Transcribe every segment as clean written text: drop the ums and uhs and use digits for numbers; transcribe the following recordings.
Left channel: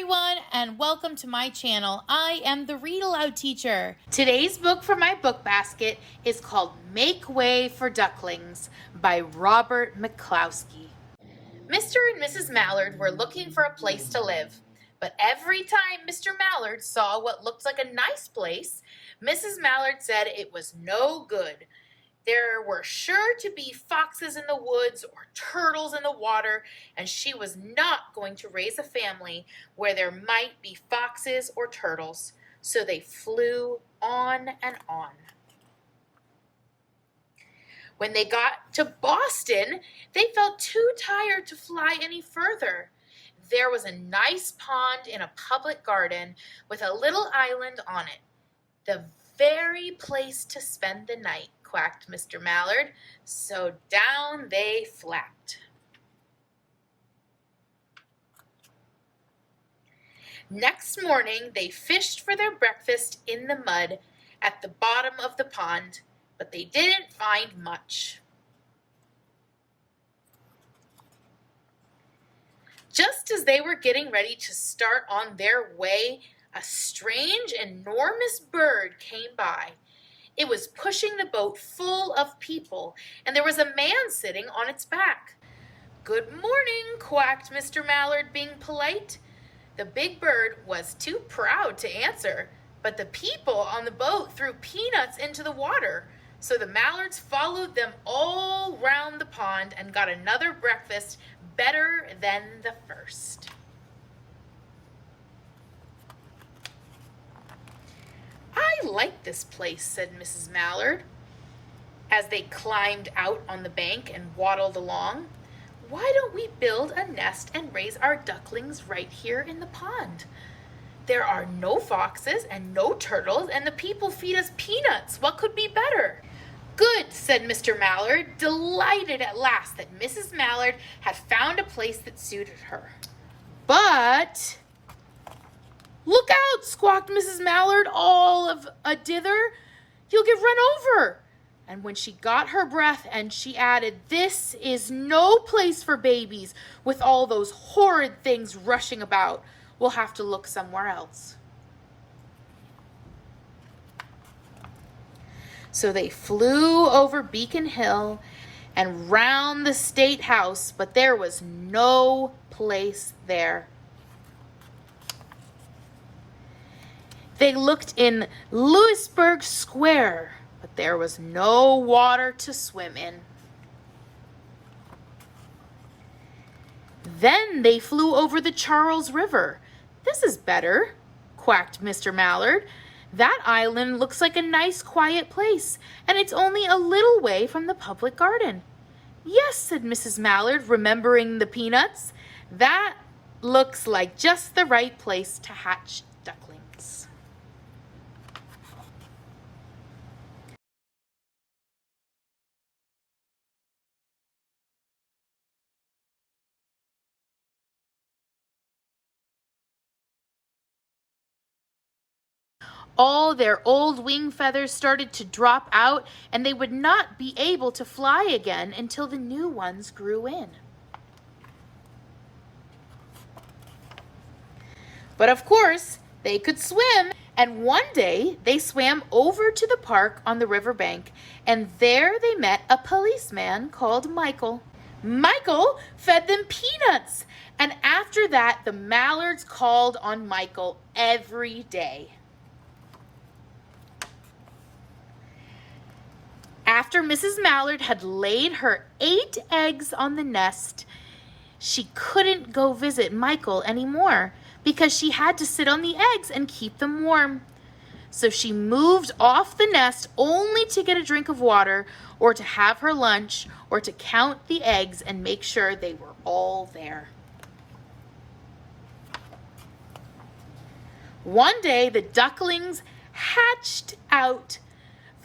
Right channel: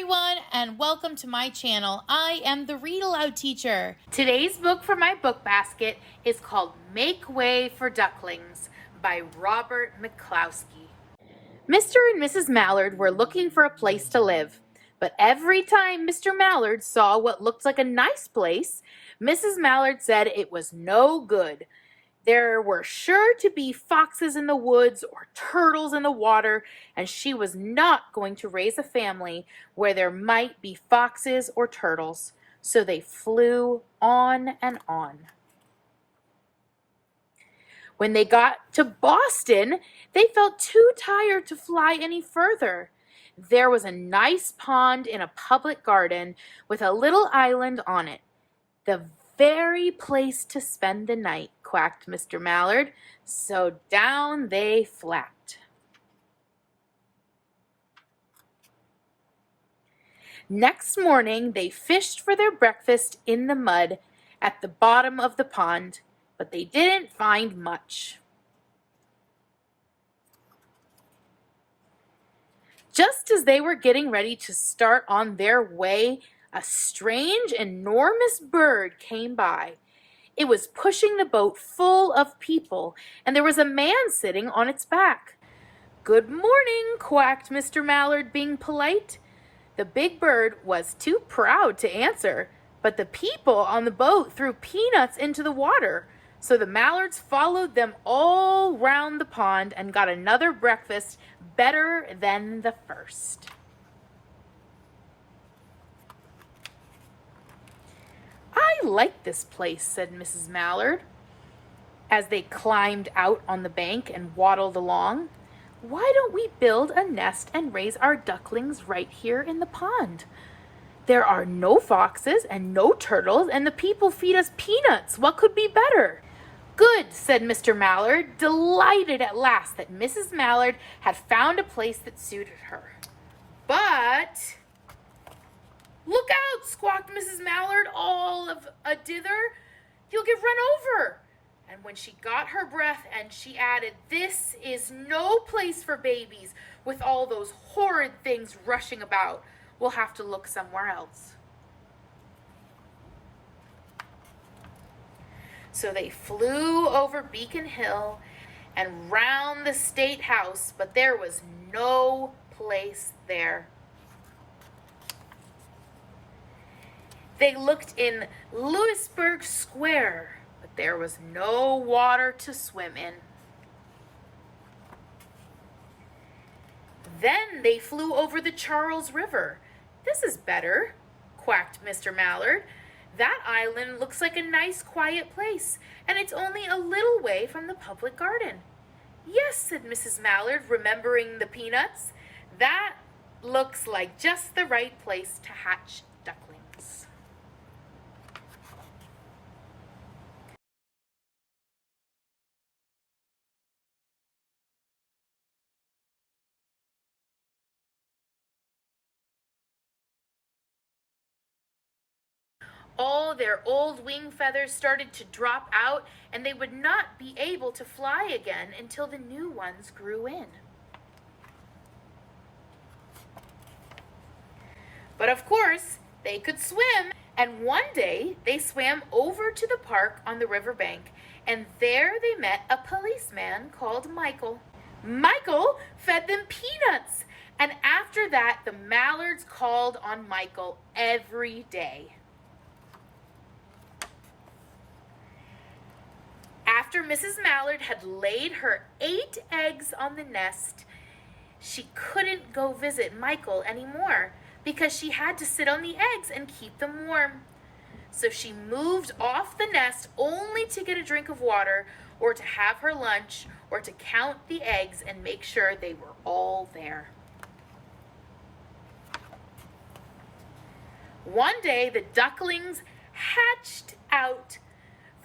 everyone, and welcome to my channel. I am the Read-Aloud teacher. Today's book for my book basket is called Make Way for Ducklings by Robert McClosksey. Mr. and Mrs. Mallard were looking for a place to live, but every time Mr. Mallard saw what looked like a nice place, Mrs. Mallard said it was no good. There were sure to be foxes in the woods or turtles in the water, and she was not going to raise a family where there might be foxes or turtles. So they flew on and on. When they got to Boston, they felt too tired to fly any further. There was a nice pond in a public garden with a little island on it. The very place to spend the night, quacked Mr. Mallard. So down they flapped. Next morning, they fished for their breakfast in the mud at the bottom of the pond, but they didn't find much. Just as they were getting ready to start on their way, a strange, enormous bird came by. It was pushing the boat full of people, and there was a man sitting on its back. "Good morning," quacked Mr. Mallard, being polite. The big bird was too proud to answer, but the people on the boat threw peanuts into the water, so the Mallards followed them all round the pond and got another breakfast better than the first. "I like this place," said Mrs. Mallard, as they climbed out on the bank and waddled along. "Why don't we build a nest and raise our ducklings right here in the pond? There are no foxes and no turtles, and the people feed us peanuts. What could be better?" "Good," said Mr. Mallard, delighted at last that Mrs. Mallard had found a place that suited her. "But—" "Look out!" squawked Mrs. Mallard, all of a dither. "You'll get run over." And when she got her breath, and she added, "This is no place for babies with all those horrid things rushing about. We'll have to look somewhere else." So they flew over Beacon Hill and round the State House, but there was no place there. They looked in Louisburg Square, but there was no water to swim in. Then they flew over the Charles River. "This is better," quacked Mr. Mallard. "That island looks like a nice quiet place, and it's only a little way from the public garden." "Yes," said Mrs. Mallard, remembering the peanuts. "That looks like just the right place to hatch ducklings." All their old wing feathers started to drop out, and they would not be able to fly again until the new ones grew in. But of course, they could swim, and one day they swam over to the park on the riverbank, and there they met a policeman called Michael. Michael fed them peanuts, and after that, the Mallards called on Michael every day. After Mrs. Mallard had laid her 8 eggs on the nest, she couldn't go visit Michael anymore because she had to sit on the eggs and keep them warm. So she moved off the nest only to get a drink of water or to have her lunch or to count the eggs and make sure they were all there. One day the ducklings hatched out.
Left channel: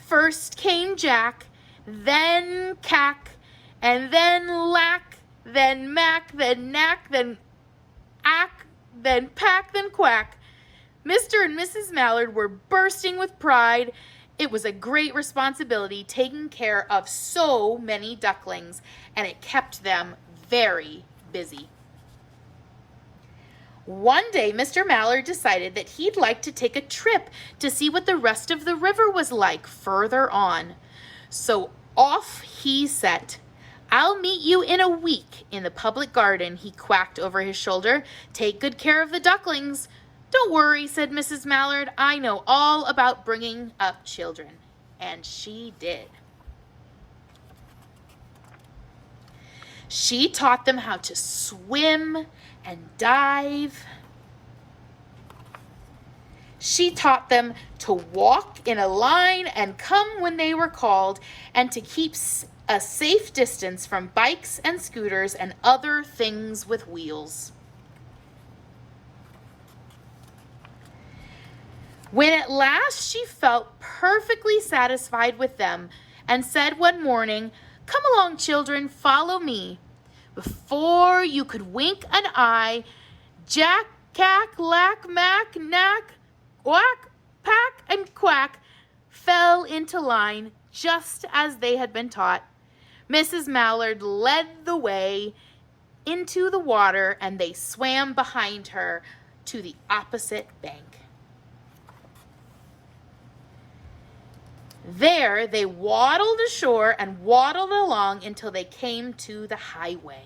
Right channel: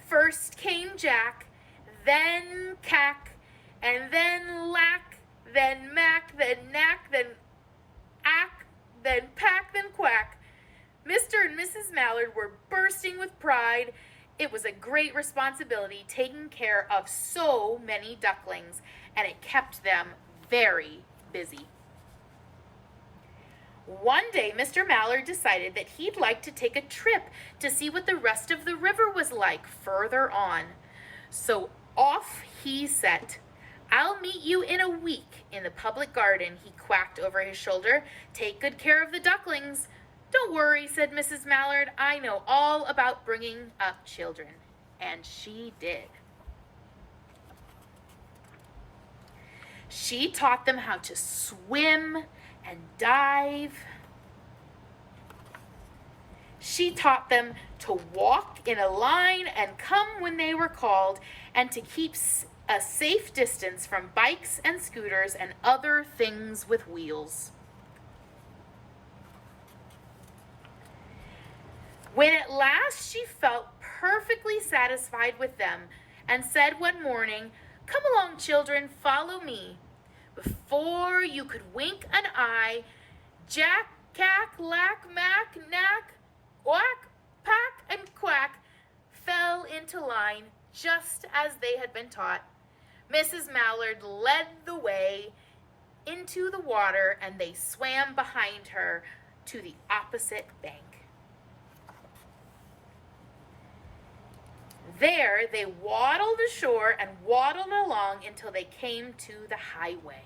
First came Jack, then Cack, and then Lack, then Mack, then Knack, then Ack, then Pack, then Quack. Mr. and Mrs. Mallard were bursting with pride. It was a great responsibility taking care of so many ducklings, and it kept them very busy. One day, Mr. Mallard decided that he'd like to take a trip to see what the rest of the river was like further on. So off he set. "I'll meet you in a week in the public garden," he quacked over his shoulder. "Take good care of the ducklings." "Don't worry," said Mrs. Mallard. "I know all about bringing up children." And she did. She taught them how to swim and dive. She taught them to walk in a line and come when they were called, and to keep a safe distance from bikes and scooters and other things with wheels. When at last she felt perfectly satisfied with them and said one morning, "Come along, children, follow me," before you could wink an eye, Jack, Cack, Lack, Mack, Knack, Whack, Pack, and Quack fell into line just as they had been taught. Mrs. Mallard led the way into the water, and they swam behind her to the opposite bank. There they waddled ashore and waddled along until they came to the highway.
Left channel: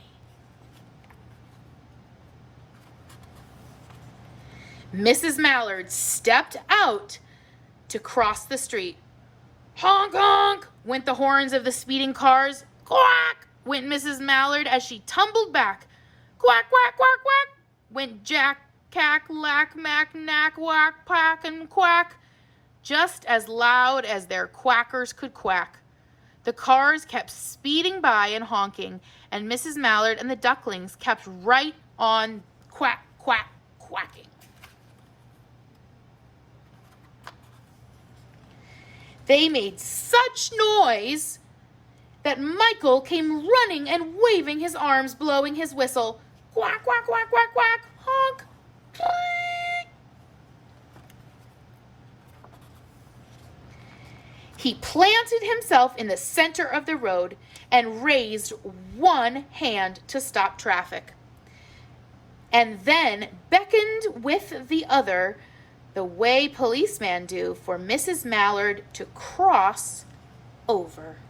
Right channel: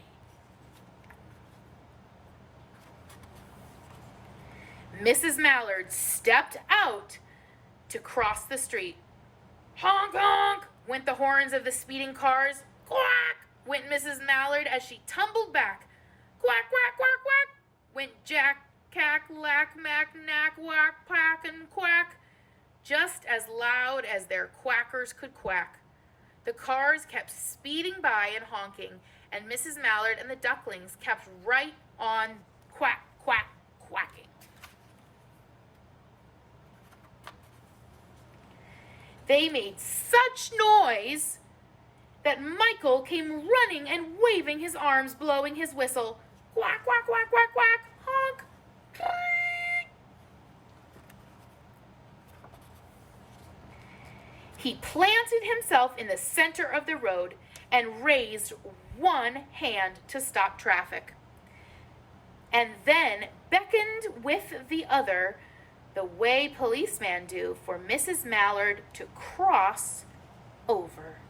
Mrs. Mallard stepped out to cross the street. Honk, honk, went the horns of the speeding cars. Quack, went Mrs. Mallard as she tumbled back. Quack, quack, quack, quack, went Jack, Cack, Lack, Mack, Knack, Whack, Pack, and Quack, just as loud as their quackers could quack. The cars kept speeding by and honking, and Mrs. Mallard and the ducklings kept right on quack, quack, quacking. They made such noise that Michael came running and waving his arms, blowing his whistle. Quack, quack, quack, quack, quack, honk. He planted himself in the center of the road and raised one hand to stop traffic, and then beckoned with the other, the way policemen do, for Mrs. Mallard to cross over.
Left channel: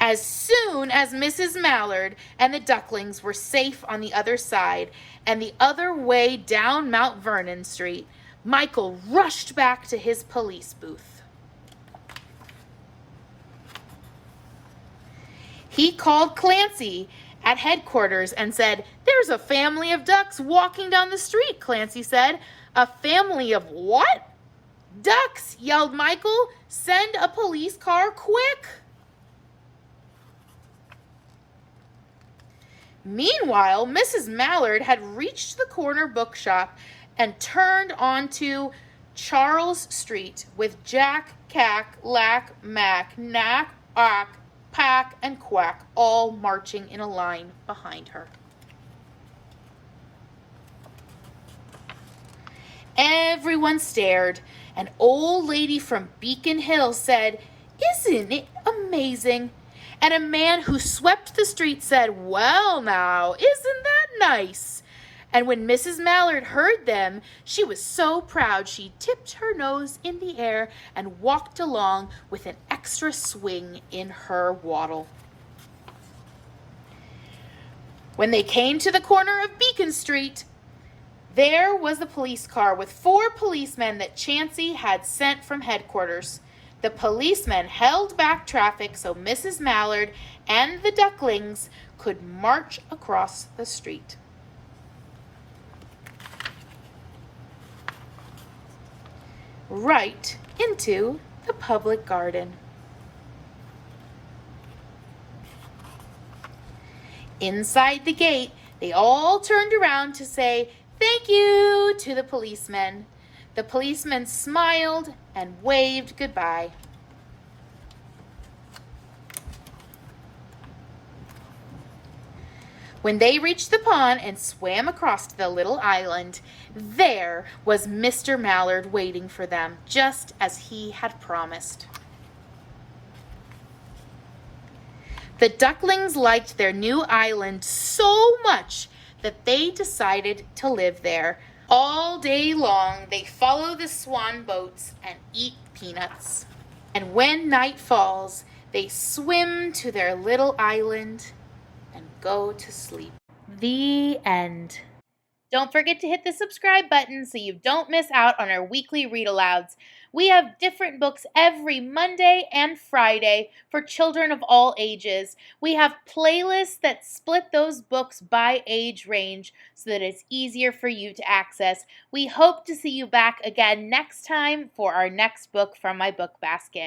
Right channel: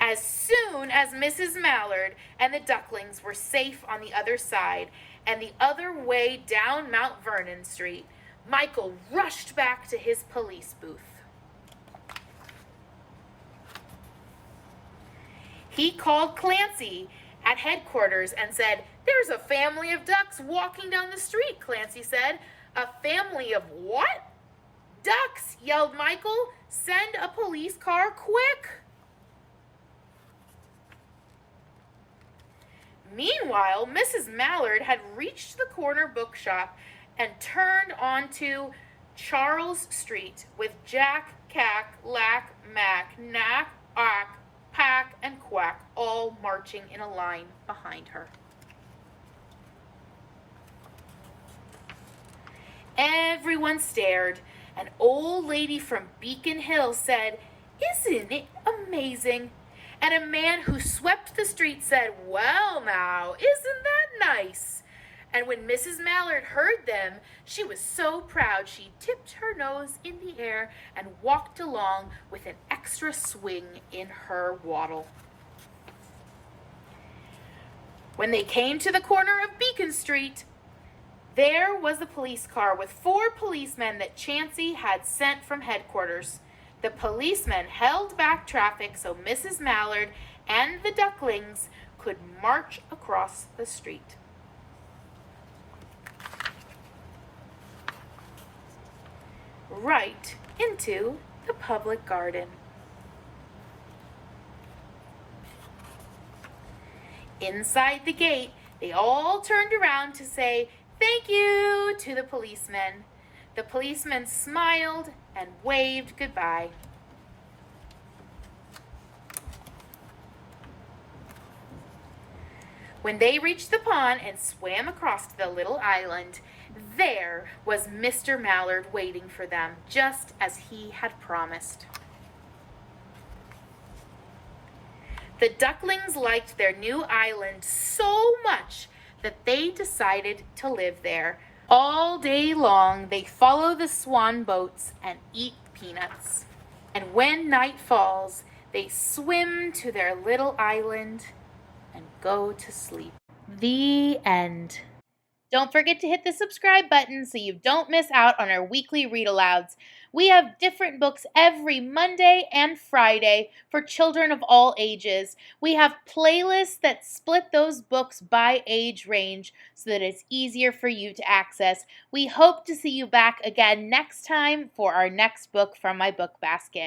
As soon as Mrs. Mallard and the ducklings were safe on the other side and the other way down Mount Vernon Street, Michael rushed back to his police booth. He called Clancy at headquarters and said, "There's a family of ducks walking down the street," Clancy said. "A family of what?" "Ducks," yelled Michael. "Send a police car quick." Meanwhile, Mrs. Mallard had reached the corner bookshop and turned onto Charles Street with Jack, Cack, Lack, Mack, Knack, Ock, Pack, and Quack all marching in a line behind her. Everyone stared. An old lady from Beacon Hill said, "Isn't it amazing?" And a man who swept the street said, "Well now, isn't that nice?" And when Mrs. Mallard heard them, she was so proud she tipped her nose in the air and walked along with an extra swing in her waddle. When they came to the corner of Beacon Street, there was the police car with 4 policemen that Chansey had sent from headquarters. The policemen held back traffic so Mrs. Mallard and the ducklings could march across the street. Right into the public garden. Inside the gate, they all turned around to say thank you to the policemen. The policemen smiled and waved goodbye. When they reached the pond and swam across to the little island, there was Mr. Mallard waiting for them, just as he had promised. The ducklings liked their new island so much that they decided to live there. All day long, they follow the swan boats and eat peanuts. And when night falls, they swim to their little island and go to sleep. The end. Don't forget to hit the subscribe button so you don't miss out on our weekly read-alouds. We have different books every Monday and Friday for children of all ages. We have playlists that split those books by age range so that it's easier for you to access. We hope to see you back again next time for our next book from my book basket.